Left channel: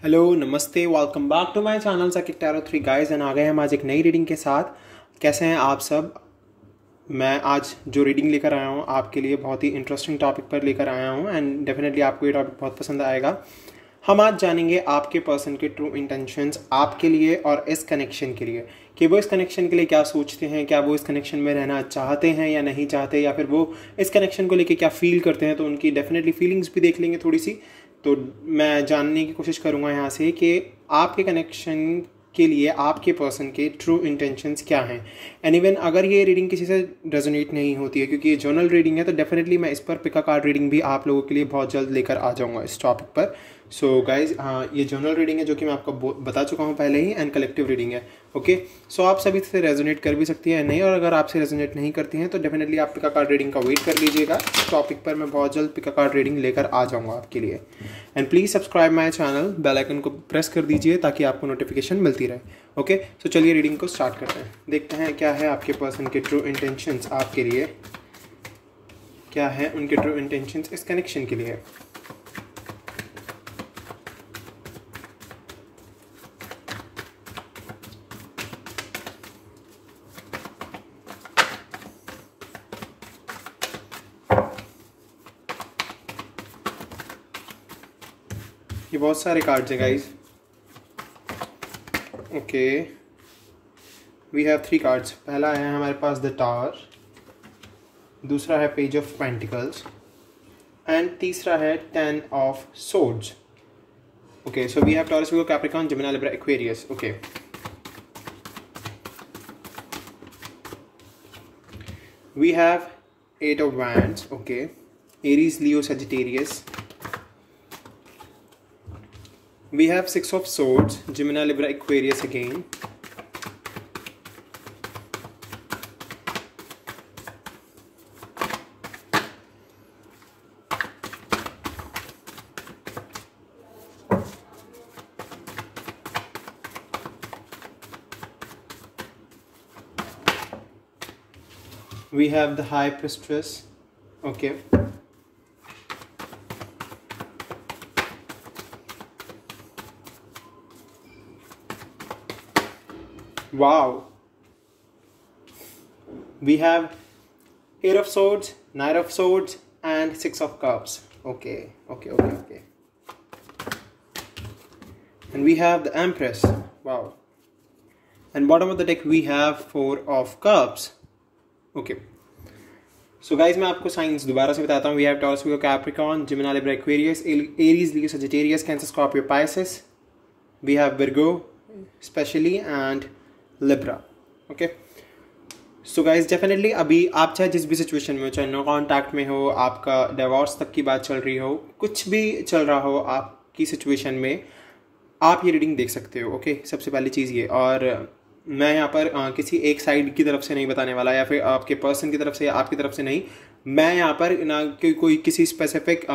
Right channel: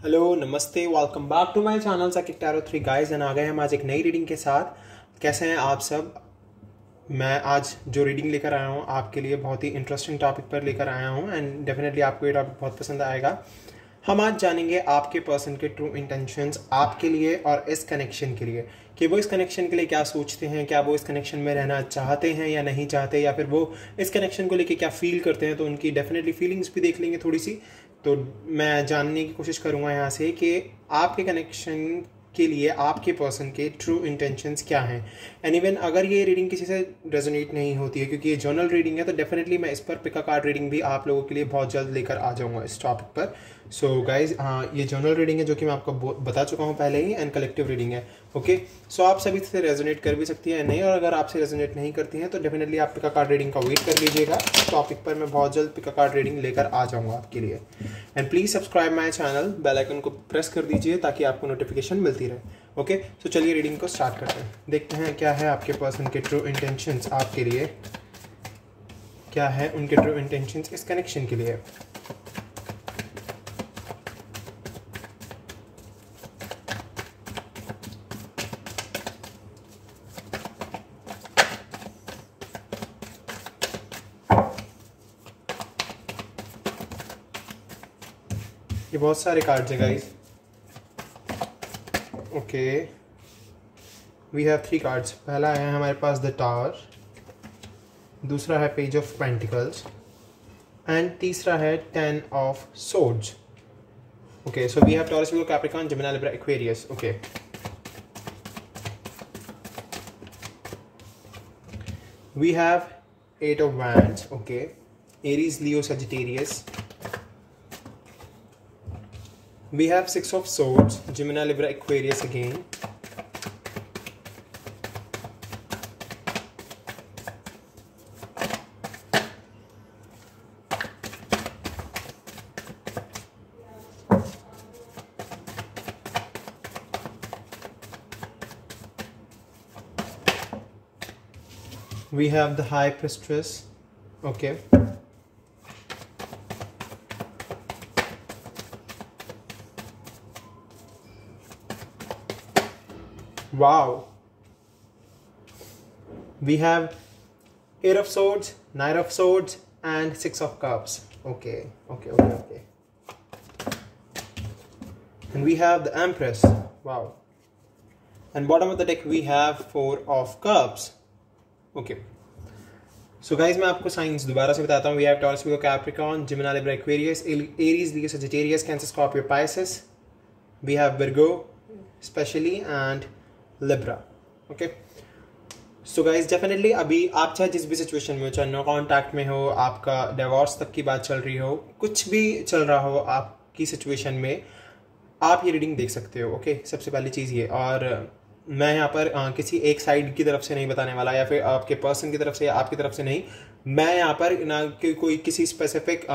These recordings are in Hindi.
हेलो नमस्ते, welcome back to my channel Saqib tarot 3 guys. And आ गए हम आज एक नई रीडिंग के साथ। कैसे हैं आप सब? मैं आज जो रीडिंग लेकर आया हूँ आपके लिए बहुत ही इंटरेस्टिंग टॉपिक पर लेकर आया हूँ एंड डेफिनेटली आपको ये टॉपिक बहुत पसंद आएगा। हम आज जानेंगे आपके पर्सन के ट्रू इंटेंशंस आपके लिए और इस कनेक्शन के लिए, कि वो इस कनेक्शन के लिए क्या सोचते हैं, क्या वो इस कनेक्शन में रहना चाहते हैं या नहीं चाहते, या फिर वो इस कनेक्शन को लेके क्या फील करते हैं। तो उनकी डेफिनेटली फीलिंग्स भी देख लेंगे थोड़ी सी। तो मैं जानने की कोशिश करूंगा यहाँ से कि आपके कनेक्शन के लिए आपके पर्सन के ट्रू इंटेंशंस क्या हैं। एंड इवन अगर ये रीडिंग किसी से रेजोनेट नहीं होती है, क्योंकि ये जर्नल रीडिंग है, तो डेफिनेटली मैं इस पर पिका कार्ड रीडिंग भी आप लोगों के लिए बहुत जल्द लेकर आ जाऊंगा इस टॉपिक पर। सो गाइज, ये जर्नल रीडिंग है जो कि मैं आपको बता चुका हूँ पहले ही, एंड कलेक्टिव रीडिंग है। ओके, सो आप सभी से रेजोनेट कर भी सकती है नहीं, और अगर आपसे रेजोनेट नहीं करती हैं तो डेफिनेटली आप पिका कार्ड रीडिंग का वेट कर लीजिएगा। इस टॉपिक पर मैं बहुत जल्द पिका कार्ड रीडिंग लेकर आ जाऊंगा आपके लिए। And please subscribe my channel, bell icon को प्रेस कर दीजिए ताकि आपको नोटिफिकेशन मिलती रहे। ओके, तो चलिए रीडिंग को स्टार्ट करते हैं। देखते हैं क्या है आपके पर्सन के ट्रू इंटेंशंस आपके लिए, क्या है उनके ट्रू इंटेंशंस इस कनेक्शन के लिए। ये बहुत सारे कार्ड्स हैं guys. Okay, we have 3 cards. पहला है हमारे पास द टावर, दूसरा है पेज ऑफ पेंटिकल्स एंड तीसरा है 10 of swords. Okay, so we have Taurus, Virgo, Capricorn, Gemini, Libra, Aquarius. Okay, we have 8 of wands. Okay, Aries, Leo, Sagittarius. We have 6 of swords, Gemini, Libra, Aquarius again. We have the High Priestess. Okay. Wow, we have 8 of swords, 9 of swords and 6 of cups. Okay. And we have the Empress. Wow. And bottom of the deck we have 4 of cups. Okay, so guys, मैं आपको साइंस दोबारा से बताता हूँ। We have Taurus, Virgo, Capricorn, Gemini, Libra, Aquarius, Aries, Leo, Sagittarius, Cancer, Scorpio, Pisces. We have Virgo especially and Libra. Okay, so guys definitely अभी आप चाहे जिस भी सिचुएशन में हो, चाहे नो कॉन्टैक्ट में हो, आपका डिवोर्स तक की बात चल रही हो, कुछ भी चल रहा हो आपकी सिचुएशन में, आप ये रीडिंग देख सकते हो। ओके, सबसे पहली चीज़ ये। और मैं यहाँ पर किसी एक साइड की तरफ से नहीं बताने वाला, या फिर आपके पर्सन की तरफ से या आपकी तरफ से नहीं। मैं यहाँ पर ना कोई किसी स्पेसिफिक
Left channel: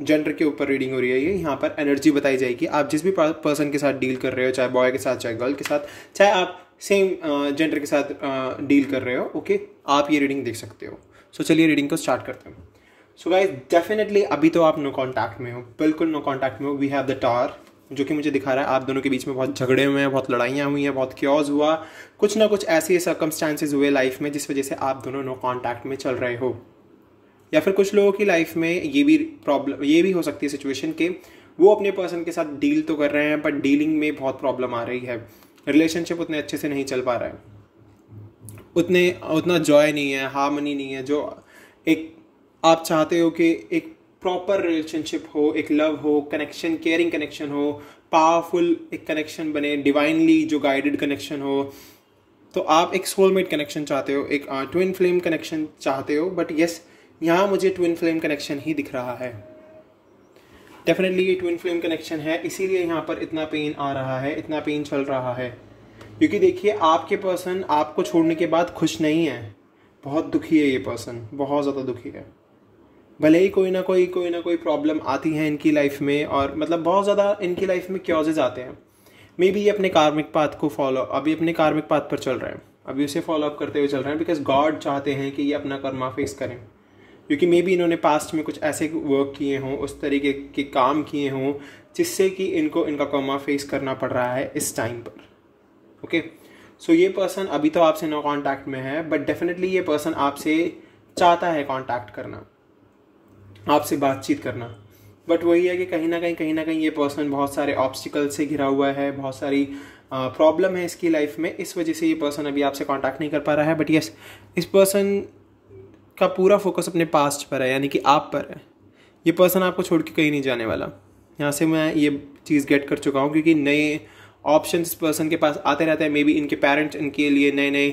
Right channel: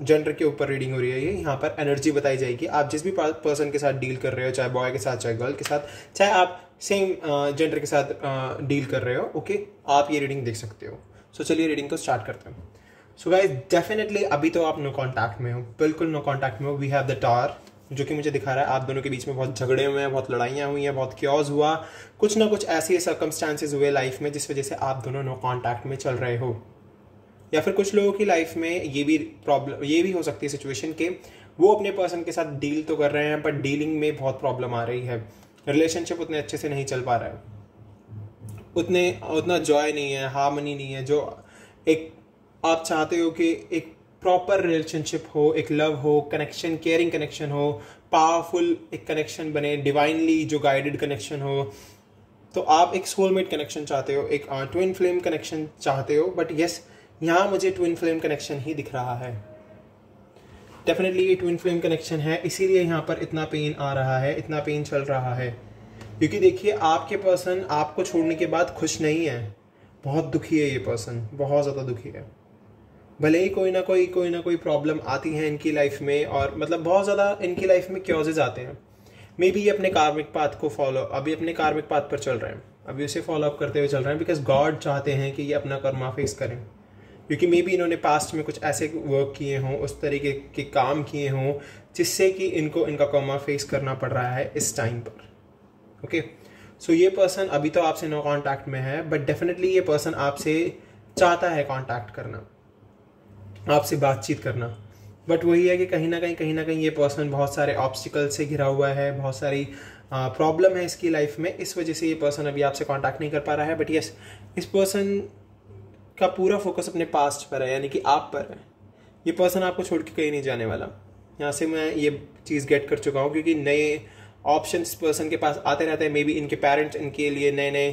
जेंडर के ऊपर रीडिंग हो रही है। ये यहाँ पर एनर्जी बताई जाएगी। आप जिस भी पर्सन के साथ डील कर रहे हो, चाहे बॉय के साथ, चाहे गर्ल के साथ, चाहे आप सेम जेंडर के साथ डील कर रहे हो, ओके, आप ये रीडिंग देख सकते हो। सो चलिए रीडिंग को स्टार्ट करते हैं। सो गाइस, डेफिनेटली अभी तो आप नो कॉन्टैक्ट में हो, बिल्कुल नो कॉन्टैक्ट में हो। वी हैव द टावर, जो कि मुझे दिखा रहा है आप दोनों के बीच में बहुत झगड़े हुए हैं, बहुत लड़ाइयाँ हुई हैं, बहुत क्योज हुआ, कुछ ना कुछ ऐसे सर्कमस्टांसेस हुए लाइफ में जिस वजह से आप दोनों नो कॉन्टैक्ट में चल रहे हो। या फिर कुछ लोगों की लाइफ में ये भी प्रॉब्लम, ये भी हो सकती है सिचुएशन के वो अपने पर्सन के साथ डील तो कर रहे हैं, बट डीलिंग में बहुत प्रॉब्लम आ रही है। रिलेशनशिप उतने अच्छे से नहीं चल पा रहा है, उतना जॉय नहीं है, हार्मनी नहीं है, जो एक आप चाहते हो कि एक प्रॉपर रिलेशनशिप हो, एक लव हो, कनेक्शन, केयरिंग कनेक्शन हो, पावरफुल एक कनेक्शन बने, डिवाइनली जो गाइडेड कनेक्शन हो। तो आप एक सोलमेट कनेक्शन चाहते हो, एक ट्विन फ्लेम कनेक्शन चाहते हो। बट यस, यहाँ मुझे ट्विन फ्लेम कनेक्शन ही दिख रहा है। डेफिनेटली ये ट्विन फ्लेम कनेक्शन है, इसीलिए यहाँ पर इतना पेन आ रहा है, इतना पेन चल रहा है। क्योंकि देखिए, आपके पर्सन आपको छोड़ने के बाद खुश नहीं है, बहुत दुखी है ये पर्सन, बहुत ज़्यादा दुखी है। भले ही कोई ना कोई प्रॉब्लम आती है इनकी लाइफ में, और मतलब बहुत ज़्यादा इनकी लाइफ में क्योजेज आते हैं। मे बी ये अपने कार्मिक पाथ को अभी अपने कार्मिक पाथ पर चल रहे हैं, अभी उसे फॉलो अप करते हुए चल रहे हैं, बिकॉज गॉड चाहते हैं कि ये अपना कर्मा फेस करें। क्योंकि मे बी इन्होंने पास्ट में कुछ ऐसे वर्क किए हों, उस तरीके के काम किए हों जिससे कि इनको इनका कर्मा फेस करना पड़ रहा है इस टाइम पर। ओके, सो ये पर्सन अभी तो आपसे नो कांटेक्ट में है, बट डेफिनेटली ये पर्सन आपसे चाहता है कांटेक्ट करना, आपसे बातचीत करना। बट वही है कि कहीं ना कहीं ये पर्सन बहुत सारे ऑब्स्टिकल से घिरा हुआ है, बहुत सारी प्रॉब्लम है इसकी लाइफ में, इस वजह से ये पर्सन अभी आपसे कांटेक्ट नहीं कर पा रहा है। बट यस, इस पर्सन का पूरा फोकस अपने पास्ट पर है, यानी कि आप पर है। ये पर्सन आपको छोड़ के कहीं नहीं जाने वाला, यहाँ से मैं ये चीज़ गेट कर चुका हूँ, क्योंकि नए ऑप्शन इस पर्सन के पास आते रहते हैं। मे बी इनके पेरेंट्स इनके लिए नए नए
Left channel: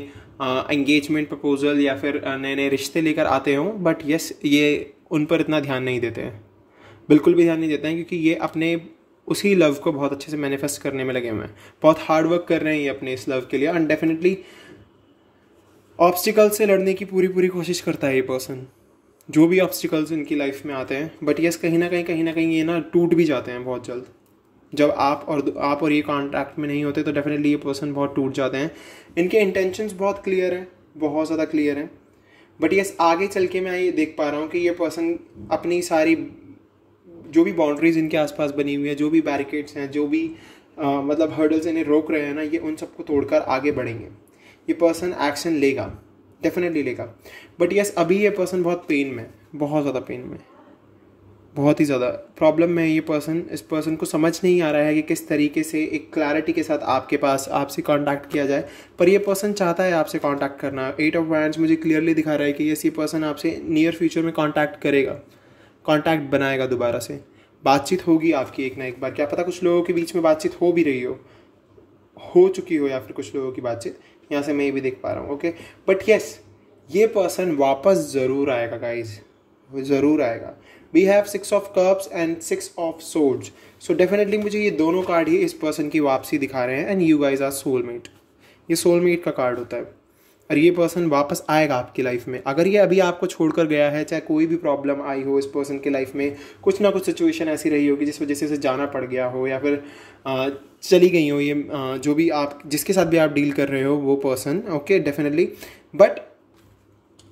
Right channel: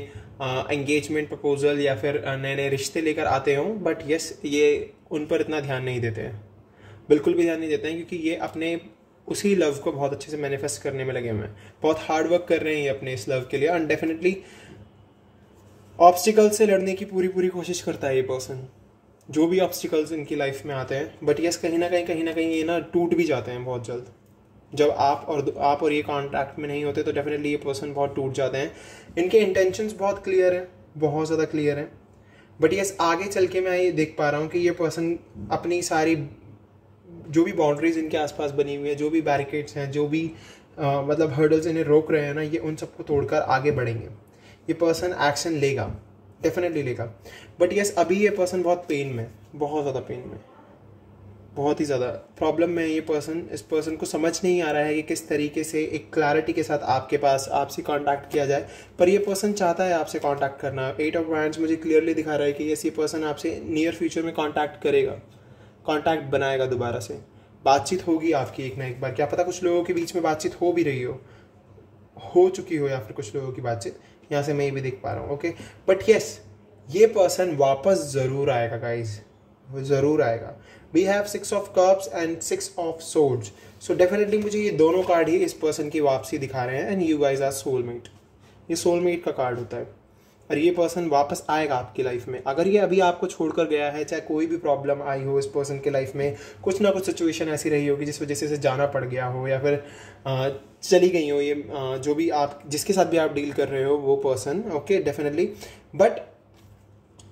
एंगेजमेंट प्रपोजल या फिर नए नए रिश्ते लेकर आते हों, बट यस, ये उन पर इतना ध्यान नहीं देते हैं, बिल्कुल भी ध्यान नहीं देते हैं, क्योंकि ये अपने उसी लव को बहुत अच्छे से मैनिफेस्ट करने में लगे हुए हैं, बहुत हार्ड वर्क कर रहे हैं अपने इस लव के लिए। एंड डेफिनेटली ऑब्स्टिकल से लड़ने की पूरी कोशिश करता है ये पर्सन, जो भी ऑब्स्टिकल्स इनकी लाइफ में आते हैं। बट यस, कहीं ना कहीं ये ना टूट भी जाते हैं बहुत जल्द। जब आप और ये कांटेक्ट में नहीं होते तो डेफिनेटली ये पर्सन बहुत टूट जाते हैं। इनके इंटेंशंस बहुत क्लियर हैं, बहुत ज़्यादा क्लियर हैं। बट यस, आगे चल के मैं ये देख पा रहा हूँ कि ये पर्सन अपनी सारी जो भी बाउंड्रीज इनके आसपास बनी हुई है, जो भी बैरिकेड्स हैं, जो भी मतलब हर्डल्स इन्हें रोक रहे हैं ना, ये उन सबको तोड़कर आगे बढ़ेंगे। ये पर्सन एक्शन लेगा, डेफिनेटली लेगा। बट यस, अभी ये पर्सन बहुत पेन में, बहुत ज़्यादा पेन में, बहुत ही ज़्यादा प्रॉब्लम में ये पर्सन। इस पर्सन को समझ नहीं आ रहा है कि किस तरीके से एक क्लैरिटी के साथ आपके पास आपसे कांटेक्ट किया जाए। पर ये पर्सन चाहता है आपसे कांटेक्ट करना। 8 ऑफ वैंड्स मुझे क्लियरली दिखा रहा है कि ये पर्सन आपसे नियर फ्यूचर में कांटेक्ट करेगा, कांटेक्ट बनाएगा, दोबारा से बातचीत होगी आपकी एक ना एक बार। क्या पता कुछ लोगों के बीच में बातचीत हो भी रही हो चुकी हो, या फिर कुछ लोगों की बातचीत यहाँ से मैं ये भी देख पा रहा हूँ। ओके, बट यस, ये पर्सन वापस ज़रूर आएगा गाइज, वो ज़रूर आएगा। We have 6 of cups and 6 of swords, so definitely मुझे ये दोनों कार्ड ही इस पर्सन की वापसी दिखा रहे हैं। And you guys are soulmate, ये सोलमेट का कार्ड होता है। और ये पर्सन वापस आएगा आपकी लाइफ में। अगर ये अभी आपको छोड़कर गया है, चाहे कोई भी प्रॉब्लम आई हो इस पर्सन की लाइफ में, कुछ ना कुछ सिचुएशन ऐसी रही होगी जिस वजह से इसे जाना पड़ गया हो, या फिर चली गई हो ये जो भी आप जिसके साथ भी आप डील कर रहे हो वो पर्सन। Okay, definitely. बट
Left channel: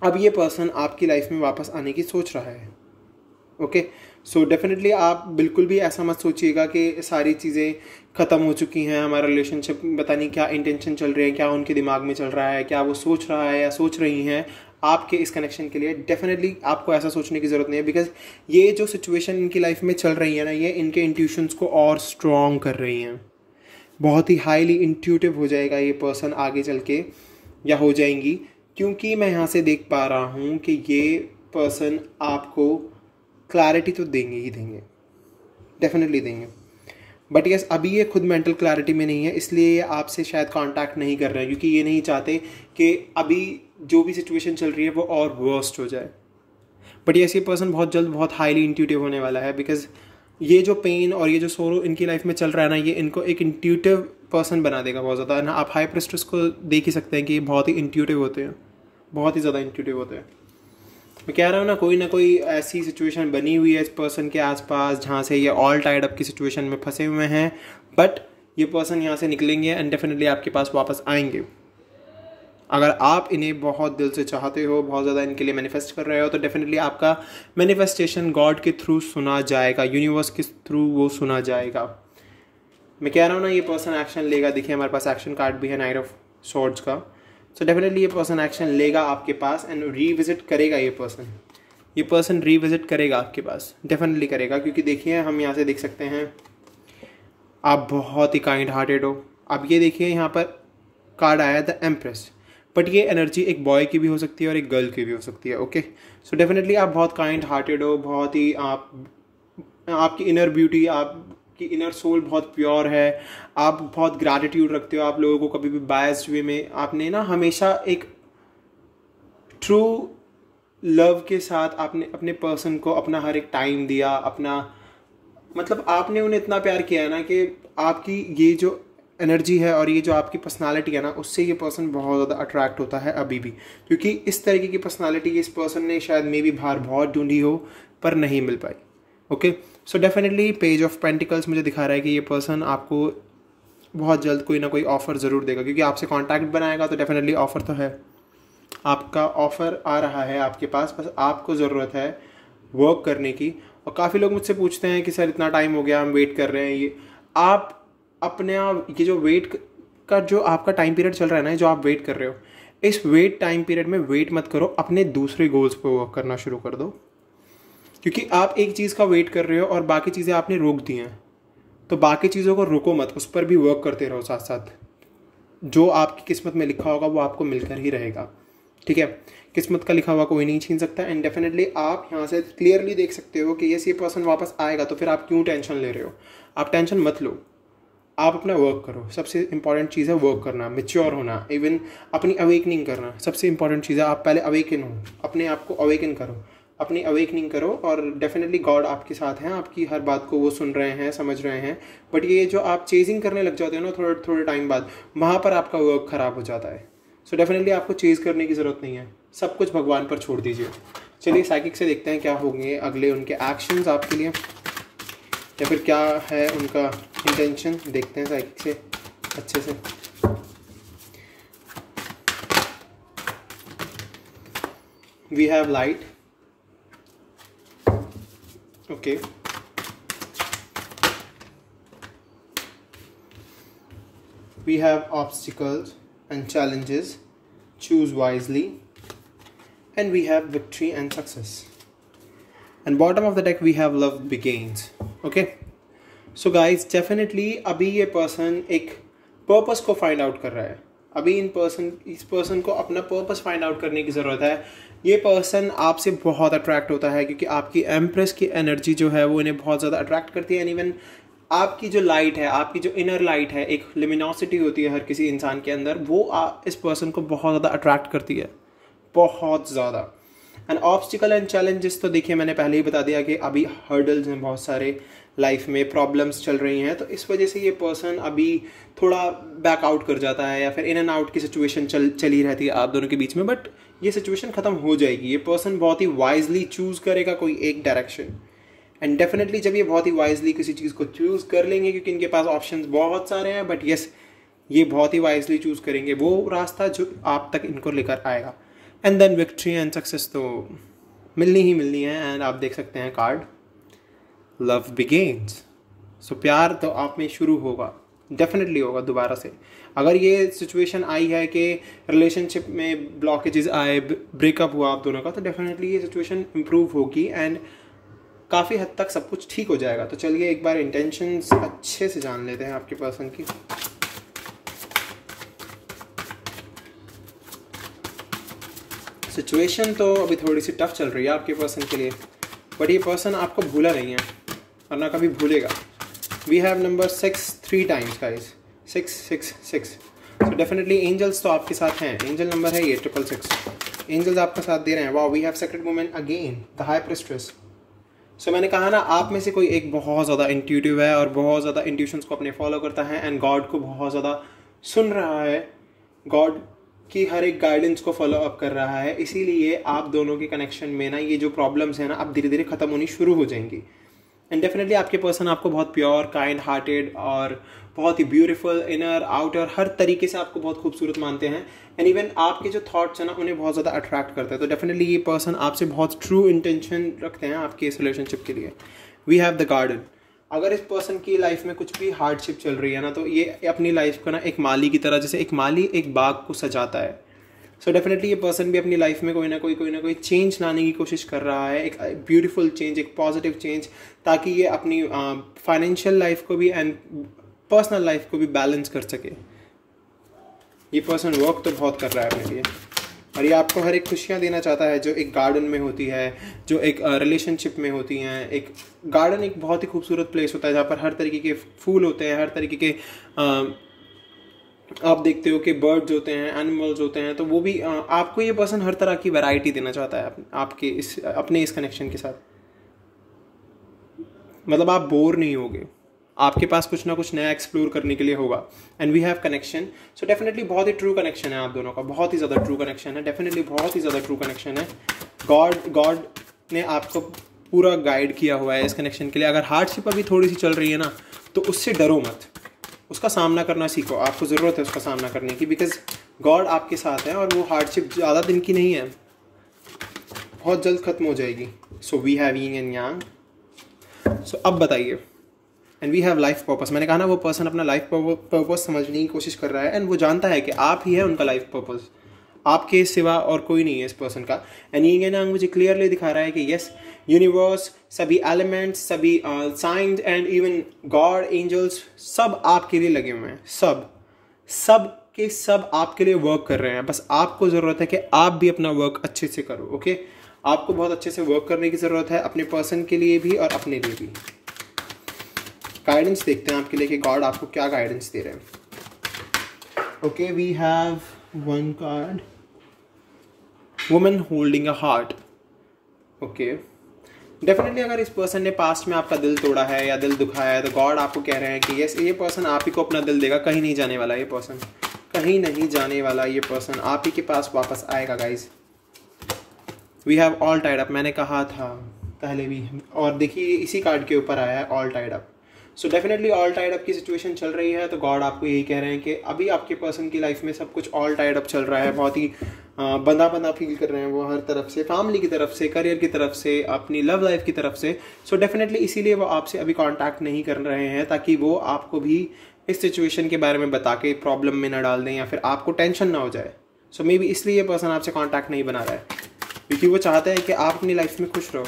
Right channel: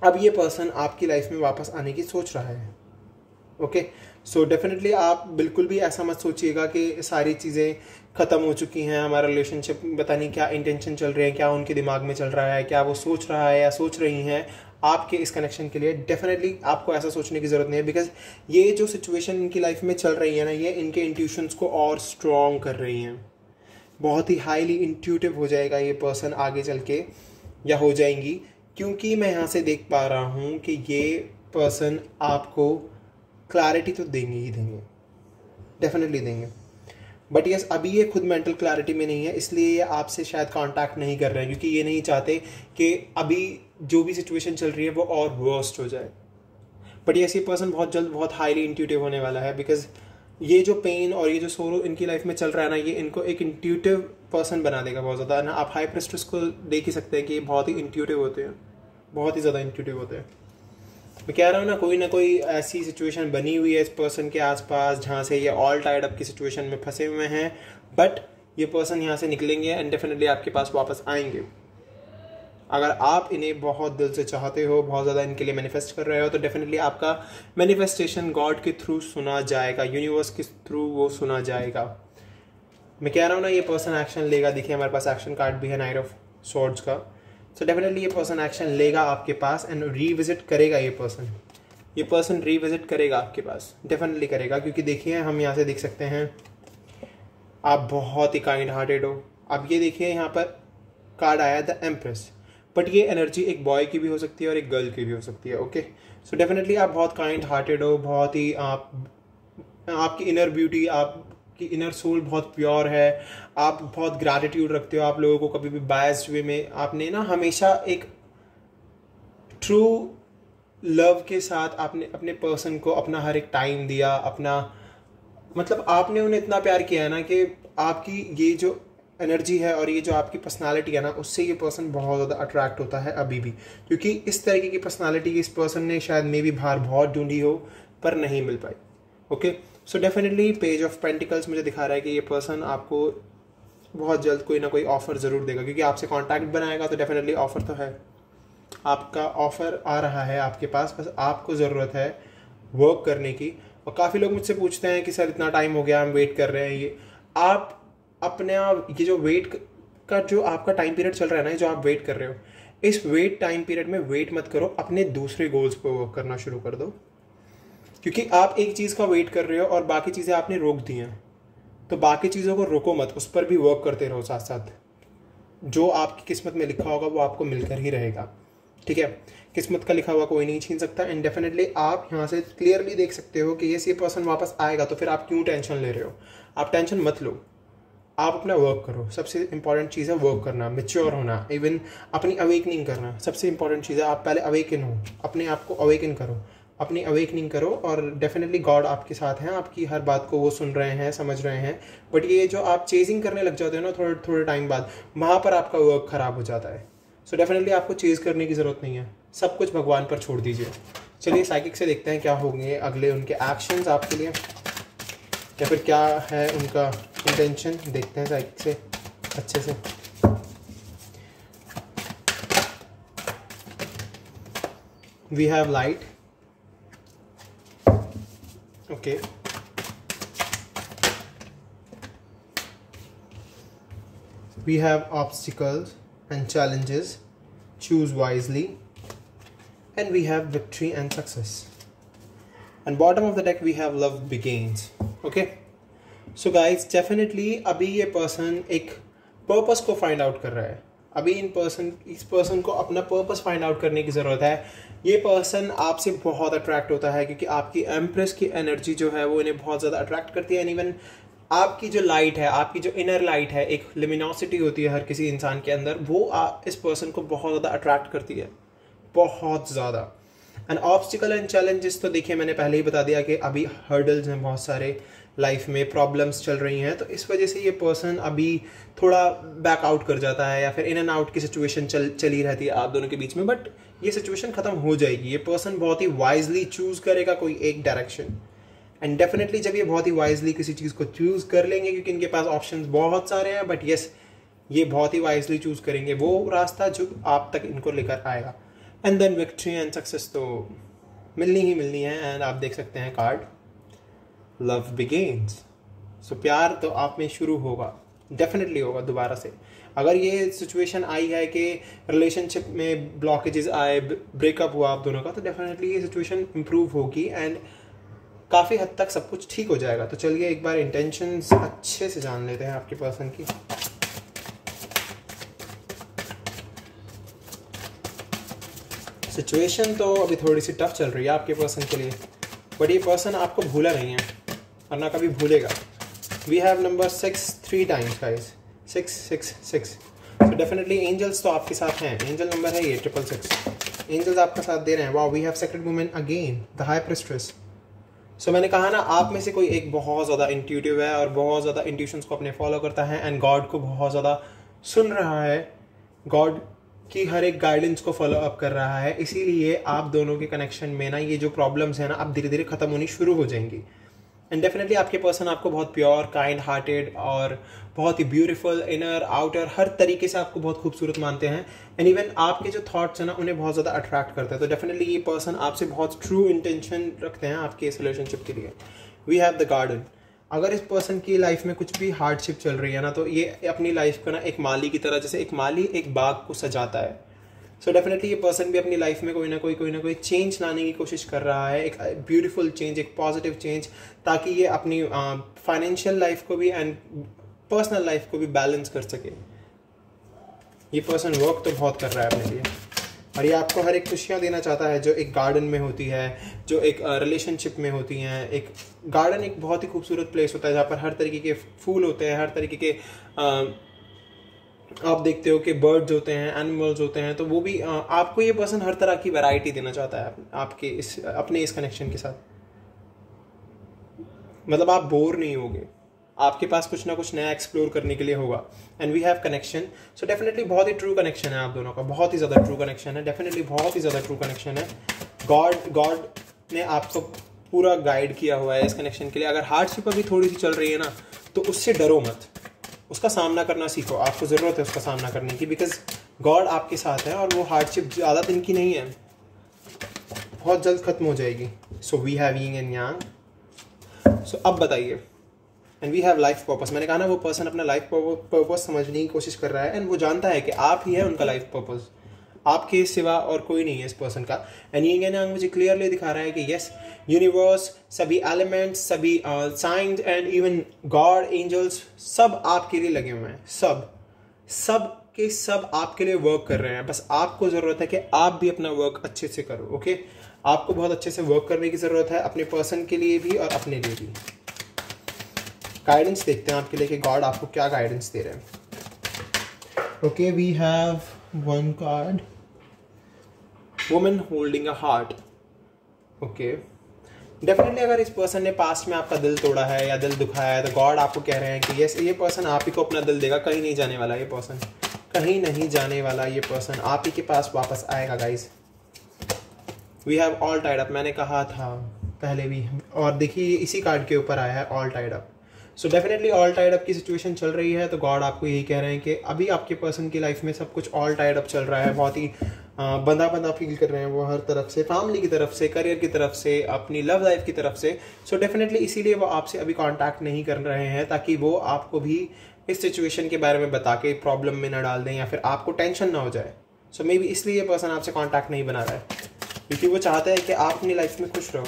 अब ये पर्सन आपकी लाइफ में वापस आने की सोच रहा है। ओके, सो डेफिनेटली आप बिल्कुल भी ऐसा मत सोचिएगा कि सारी चीज़ें ख़त्म हो चुकी हैं, हमारा रिलेशनशिप पता नहीं क्या इंटेंशन चल रहे हैं, क्या उनके दिमाग में चल रहा है, क्या वो सोच रहा है या सोच रही हैं आपके इस कनेक्शन के लिए। डेफिनेटली आपको ऐसा सोचने की ज़रूरत नहीं है, बिकॉज ये जो सिचुएशन इनकी लाइफ में चल रही है ना, ये इनके इंट्यूशंस को और स्ट्रॉन्ग कर रही हैं। बहुत ही हाईली इंट्यूटिव हो जाएगा ये पर्सन आगे चल के, या हो जाएंगी, क्योंकि मैं यहाँ से देख पा रहा हूँ कि ये पर्सन आपको क्लैरिटी तो देंगे ही देंगे, डेफिनेटली देंगे। बट यस, अभी ये खुद मेंटल क्लैरिटी में नहीं है, इसलिए ये आपसे शायद कांटेक्ट नहीं कर रहे हैं, क्योंकि ये नहीं चाहते कि अभी जो भी सिचुएशन चल रही है वो और वर्स्ट हो जाए। बट यस, ये पर्सन बहुत जल्द बहुत हाईली इंट्यूटिव होने वाला है, बिकॉज ये जो पेन और ये जो सोरो इनकी लाइफ में चल रहा है ना, ये इनको एक इंट्यूटिव पर्सन बना देगा बहुत ज़्यादा ना। आप हाई प्रेस्टिस को देख ही सकते हैं कि ये बहुत ही इंट्यूटिव होते हैं, बहुत ही ज़्यादा इंट्यूटिव होते हैं। मैं कह रहा हूँ ना कोई ऐसी सिचुएशन बनी हुई है इस पर्सन के आसपास जहाँ से ये ऑल टाइड अप की सिचुएशन में फंसे हुए हैं। बट ये पर्सन यहाँ से निकलेंगे एंड डेफिनेटली आपके पास वापस आएंगे। अगर आप इन्हें बहुत दिल से चाहते हो, बहुत ज़्यादा इनके लिए मैनिफेस्ट कर रहे हो, तो डेफिनेटली आपका मैनिफेस्टेशन गॉड के थ्रू सुना जाएगा, यूनिवर्स के थ्रू वो सुना जाएगा। मैं कह रहा हूँ ना, ये पर्सन एक्शन लेगा। देखिए हमारे पास एक्शन कार्ड भी है, नाइट ऑफ स्वॉर्ड्स का। सो डेफिनेटली ये पर्सन एक्शन लेगा आपके पास एंड रीविजिट करेगा। ये पर्सन रीविजिट करेगा आपके पास, डेफिनेटली करेगा, क्योंकि देखिए हम यहाँ से देख सकते हैं आप बहुत ही काइंड हार्टेड हो। अब ये देखिए यहाँ पर कार्ड आया द एम्प्रेस, बट ये एनर्जी एक बॉय की भी हो सकती है और एक गर्ल की भी हो सकती है। ओके, सो डेफिनेटली आप बहुत काइंड हार्टेड हो, बहुत ही आपकी इनर ब्यूटी, आपकी इनर सोल बहुत प्योर है, आप बहुत ग्रैटिट्यूड रखते हो, आप लोगों को कभी भी बायस्ड वे में आपने ना हमेशा एक ट्रू लव के साथ आपने अपने पर्सन को अपना हर एक टाइम दिया, अपना मतलब आपने उन्हें इतना प्यार किया है ना कि आपकी ये जो एनर्जी है और ये जो आपकी पर्सनालिटी है ना, उससे ये पर्सन बहुत ज़्यादा अट्रैक्ट होता है अभी भी, क्योंकि इस तरीके की पर्सनालिटी इस पर्सन ने शायद मे भी बाहर बहुत ढूंढी हो पर नहीं मिल पाई। Okay, so definitely page of pentacles मुझे दिखा रहा है कि ये पर्सन आपको बहुत जल्द कोई ना कोई ऑफर ज़रूर देगा, क्योंकि आपसे कॉन्टैक्ट बनाएगा तो डेफिनेटली ऑफर तो है। आपका ऑफर आ रहा है आपके पास, बस आपको ज़रूरत है वर्क करने की। और काफ़ी लोग मुझसे पूछते हैं कि सर इतना टाइम हो गया, हम वेट कर रहे हैं। ये आप अपने आप ये जो वेट का जो आपका टाइम पीरियड चल रहा है ना, जो आप वेट कर रहे हो, इस वेट टाइम पीरियड में वेट मत करो, अपने दूसरे गोल्स पे वर्क करना शुरू कर दो। क्योंकि आप एक चीज़ का वेट कर रहे हो और बाकी चीज़ें आपने रोक दी हैं, तो बाकी चीज़ों को रोको मत, उस पर भी वर्क करते रहो साथ साथ। जो आपकी किस्मत में लिखा होगा वो आपको मिलकर ही रहेगा, ठीक है। किस्मत का लिखा हुआ कोई नहीं छीन सकता। एंड डेफिनेटली आप यहाँ से क्लियरली देख सकते हो कि ये पर्सन वापस आएगा, तो फिर आप क्यों टेंशन ले रहे हो? आप टेंशन मत लो, आप अपना वर्क करो। सबसे इंपॉर्टेंट चीज़ है वर्क करना, मेच्योर होना, इवन अपनी अवेकनिंग करना। सबसे इंपॉर्टेंट चीज़ है आप पहले अवेकन हो, अपने आप को अवेकन करो, अपनी अवेकनिंग करो। और डेफिनेटली गॉड आपके साथ हैं, आपकी हर बात को वो सुन रहे हैं, समझ रहे हैं। बट ये जो आप चेजिंग करने लग जाते हो ना थोड़े थोड़े टाइम बाद, वहाँ पर आपका वर्क खराब हो जाता है। सो डेफिनेटली आपको चेज करने की ज़रूरत नहीं है, सब कुछ भगवान पर छोड़ दीजिए। चलिए साइकिक से देखते हैं क्या होंगे अगले उनके एक्शंस आपके लिए, या फिर क्या है उनका इंटेंशन। देखते हैं साइकिक से अच्छे से। We have light, okay, we have obstacles and challenges, choose wisely, and we have victory and success. And bottom of the deck we have love begins. Okay, so guys definitely अभी ये पर्सन एक पर्पस को फाइंड आउट कर रहा है। अभी इस पर्सन को अपना पर्पस फाइंड आउट करने की ज़रूरत है। ये पर्सन आपसे बहुत अट्रैक्ट होता है क्योंकि आपकी एम्प्रेस की एनर्जी जो है वो इन्हें बहुत ज़्यादा अट्रैक्ट करती है। एंड इवन आपकी जो लाइट है, आपकी जो इनर लाइट है, एक लिमिनोसिटी होती है हर किसी इंसान के अंदर, वो इस पर्सन को बहुत ज़्यादा अट्रैक्ट करती है, बहुत ज़्यादा। एंड ऑब्स्टिकल एंड चैलेंजेस तो देखिए मैंने पहले ही बता दिया कि अभी हर्डल्स हैं, बहुत सारे लाइफ में प्रॉब्लम्स चल रही हैं, तो इस वजह से ये पर्सन अभी थोड़ा बैक आउट कर जाता है या फिर इन एंड आउट की सिचुएशन चली रहती है आप दोनों के बीच में। बट ये सिचुएशन ख़त्म हो जाएगी। ये पर्सन बहुत ही वाइजली चूज़ करेगा कोई एक डायरेक्शन। एंड डेफिनेटली जब ये बहुत ही वाइजली किसी चीज़ को चूज़ कर लेंगे, क्योंकि इनके पास ऑप्शंस बहुत सारे हैं, बट यस ये बहुत ही वाइजली चूज़ करेंगे वो रास्ता जो आप तक इनको लेकर आएगा। And then victory and success तो मिलनी ही मिलनी है। एंड आप देख सकते हैं कार्ड लव बिगिन्स। सो प्यार तो आप में शुरू होगा, डेफिनेटली होगा दोबारा से। अगर ये सिचुएशन आई है कि रिलेशनशिप में ब्लॉकेजेस आए, ब्रेकअप हुआ आप दोनों का, तो डेफिनेटली ये सिचुएशन इम्प्रूव होगी एंड काफ़ी हद तक सब कुछ ठीक हो जाएगा। तो चलिए एक बार इंटेंशंस अच्छे से जान लेते हैं आपके पर्सन की। सिचुएशन तो अभी थोड़ी सी टफ चल रही है आपके पर्सन के लिए, बट ये पर्सन आपको भूला नहीं है और ना कभी भूलेगा। We have number 6 3 times guys, 666। So definitely angels तो आपके साथ हैं, एंजल नंबर है ये 666। एंजल्स आपका साथ दे रहे हैं। Wow, we have secret women again, the high priestess. So मैंने कहा ना, आप में से कोई एक बहुत ज़्यादा इंट्यूटिव है और बहुत ज़्यादा इंट्यूशंस को अपने फॉलो करता है एंड गॉड को बहुत ज़्यादा सुन रहा है, गॉड की हर एक गाइडेंस को फॉलो अप कर रहा है। इसीलिए आप दोनों के कनेक्शन में ना ये जो प्रॉब्लम्स हैं ना अब धीरे धीरे ख़त्म होनी शुरू हो जाएंगी। एंड डेफिनेटली आपके पर्सन आपको बहुत प्योर, काइंड हार्टेड और बहुत ही ब्यूटीफुल इनर आउटर हर तरीके से आपको बहुत खूबसूरत मानते हैं। एंड इवन आपके जो थॉट्स हैं ना उन्हें बहुत ज़्यादा अट्रैक्ट करते हैं। तो डेफिनेटली ये पर्सन आपसे बहुत ट्रू इंटेंशन रखते हैं आपके इस रिलेशनशिप के लिए। We have the garden. अगर इस पर्सन की लाइफ में कुछ भी हार्डशिप चल रही है ना, तो ये अपनी लाइफ को ना एक माली की तरह, जैसे एक माली एक बाग को सजाता है, सो डेफिनेटली ये पर्सन भी अपनी लाइफ में कोई ना कोई चेंज लाने की कोशिश कर रहा है, एक ब्यूटीफुल चेंज, एक पॉजिटिव चेंज, ताकि ये अपनी फाइनेंशियल लाइफ को भी एंड पर्सनल लाइफ को भी बैलेंस कर सके। ये पर्सन वर्क तो बहुत कर रहा है अपने लिए और ये आपको हर एक खुशियाँ देना चाहता है जो एक गार्डन में होती है, जो एक रिलेशनशिप में होती हैं। एक गार्डन एक बहुत ही खूबसूरत प्लेस होता है जहाँ पर हर तरीके के फूल होते हैं, हर तरीके के आप देखते हो कि बर्ड्स होते हैं, एनिमल्स होते हैं, तो वो भी आपको ये पर्सन हर तरह की वैरायटी देना चाहता है आपके अपने इस कनेक्शन के साथ। मतलब आप बोर नहीं होगे, आपके पास कुछ ना कुछ नया एक्सप्लोर करने के लिए होगा। And we have connection. So definitely बहुत ही ट्रू कनेक्शन है आप दोनों का, बहुत ही ज़्यादा ट्रू कनेक्शन है, डेफिनेटली बहुत ही ज़्यादा ट्रू कनेक्शन है। गॉड ने आपको पूरा गाइड किया हुआ है इस कनेक्शन के लिए। अगर हार्डशिप अभी थोड़ी सी चल रही है ना, तो उससे डरो मत, उसका सामना करना सीखो। आपको ज़रूरत है उसका सामना करने की, बिकॉज गॉड आपके साथ है और वो हार्डशिप ज़्यादा दिन की नहीं है, बहुत जल्द खत्म हो जाएगी। So we have yin and yang. So अब बताइए, and we have life purpose. मैंने कहा ना, वो पर्सन अपना लाइफ पर्पस समझने की कोशिश कर रहा है एंड वो जानता है कि आप ही है उनका लाइफ पर्पस, आपके सिवा और कोई नहीं है इस पर्सन का। एंड यिंग एंड यांग मुझे क्लियरली दिखा रहा है कि यस, यूनिवर्स, सभी एलिमेंट्स, सभी science and even God, angels, सब आपके लिए लगे हुए हैं। सब के सब आपके लिए वर्क कर रहे हैं। बस आपको ज़रूरत है कि आप भी अपना वर्क अच्छे से करो। ओके, आपको बहुत अच्छे से वर्क करने की ज़रूरत है, अपने पर्सन के लिए भी और अपने लिए भी। गाइडेंस देखते हैं आपके लिए कि गॉड आपको क्या गाइडेंस दे रहे हैं। Okay, we have one card, woman holding a heart. Okay, definitely अगर इस पर्सन ने पास्ट में आपका दिल तोड़ा है या दिल दुखाया है तो गॉड आपको कह रहे हैं कि यस, ये पर्सन आप ही को अपना दिल देगा। कहीं नहीं जाने वाला ये पर्सन, कहीं नहीं जाने वाला ये पर्सन, आप ही के पास वापस आएगा guys. We have all tied up, मैंने कहा था पहले भी, और देखिए इसी कार्ड के ऊपर आया है all tied up. So definitely all tied up की सिचुएशन चल रही है, तो गॉड आपको यही कह रहे हैं कि अभी आपके पर्सन की लाइफ में सब कुछ ऑल टाइड अप चल रहा है। बहुत ही बंधा फील कर रहे हैं वो, हर तरफ से, फैमिली की तरफ से, करियर की तरफ से, अपनी लव लाइफ की तरफ से। सो डेफिनेटली इसीलिए वो आपसे अभी कांटेक्ट नहीं कर रहे हैं, ताकि वो आपको भी इस सिचुएशन के बारे में बता के प्रॉब्लम में ना डाल दें या फिर आपको टेंशन ना हो जाए। सो मे बी इसलिए ये पर्सन आपसे कांटेक्ट नहीं बना रहा है, क्योंकि वो चाहते हैं कि आप अपनी लाइफ में खुश रहो।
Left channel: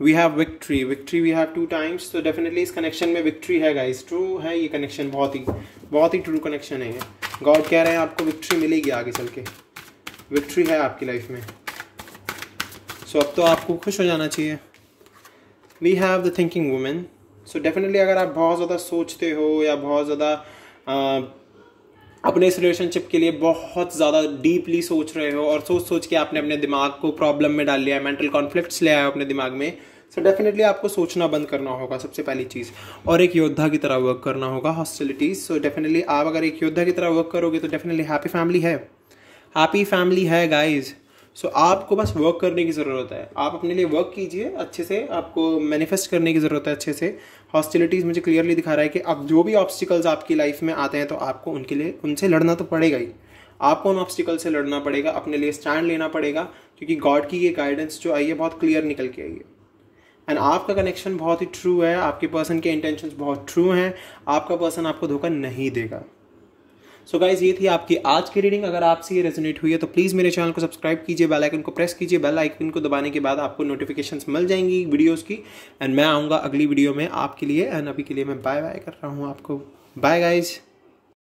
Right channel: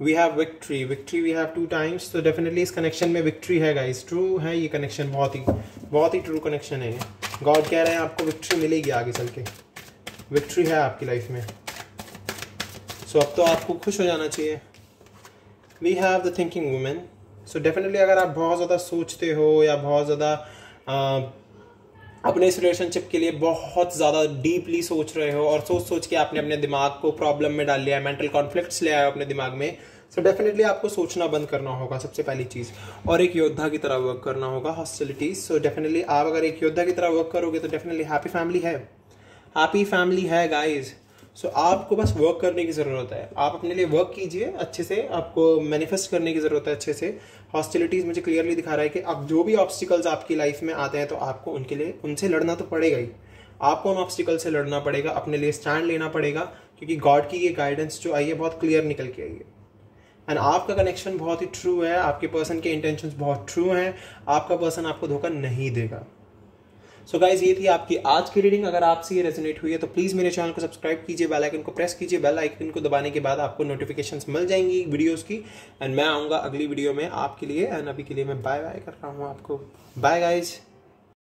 We have victory, we have 2 times. तो डेफिनेटली इस कनेक्शन में विक्ट्री है गाइस, ट्रू है ये कनेक्शन, बहुत ही ट्रू कनेक्शन है ये। गॉड कह रहे हैं आपको विक्ट्री मिलेगी आगे चल के, विक्ट्री है आपकी लाइफ में। सो अब तो आपको खुश हो जाना चाहिए। We have the thinking women. So definitely अगर आप बहुत ज़्यादा सोचते हो या बहुत ज़्यादा अपने इस रिलेशनशिप के लिए बहुत ज़्यादा डीपली सोच रहे हो और सोच के आपने अपने दिमाग को प्रॉब्लम में डाल लिया है, मेंटल कॉन्फ्लिक्ट्स ले आए हो अपने दिमाग में, सो डेफिनेटली आपको सोचना बंद करना होगा सबसे पहली चीज़, और एक योद्धा की तरह वर्क करना होगा हॉस्टिलिटीज। सो डेफिनेटली आप अगर एक योद्धा की तरह वर्क करोगे तो डेफिनेटली हैप्पी फैमिली है गाइज। सो आपको बस वर्क करने की ज़रूरत है, आप अपने लिए वर्क कीजिए अच्छे से, आपको मैनिफेस्ट करने की ज़रूरत है अच्छे से। हॉस्टिलिटीज़ मुझे क्लियरली दिखा रहा है कि अब जो भी ऑब्स्टिकल्स आपकी लाइफ में आते हैं तो आपको उनके लिए उनसे लड़ना तो पड़ेगा ही, आपको उन ऑब्स्टिकल से लड़ना पड़ेगा, अपने लिए स्टैंड लेना पड़ेगा, क्योंकि गॉड की ये गाइडेंस जो आई है बहुत क्लियर निकल के आई है। एंड आपका कनेक्शन बहुत ही ट्रू है, आपके पर्सन के इंटेंशंस बहुत ट्रू हैं, आपका पर्सन आपको धोखा नहीं देगा। सो गाइज, ये थी आपकी आज की रीडिंग। अगर आपसे ये रेजोनेट हुई है तो प्लीज़ मेरे चैनल को सब्सक्राइब कीजिए, बेल आइकन को प्रेस कीजिए। बेल आइकन को दबाने के बाद आपको नोटिफिकेशंस मिल जाएंगी वीडियोस की, एंड मैं आऊँगा अगली वीडियो में आपके लिए। एंड अभी के लिए मैं बाय बाय कर रहा हूँ आपको। Bye guys.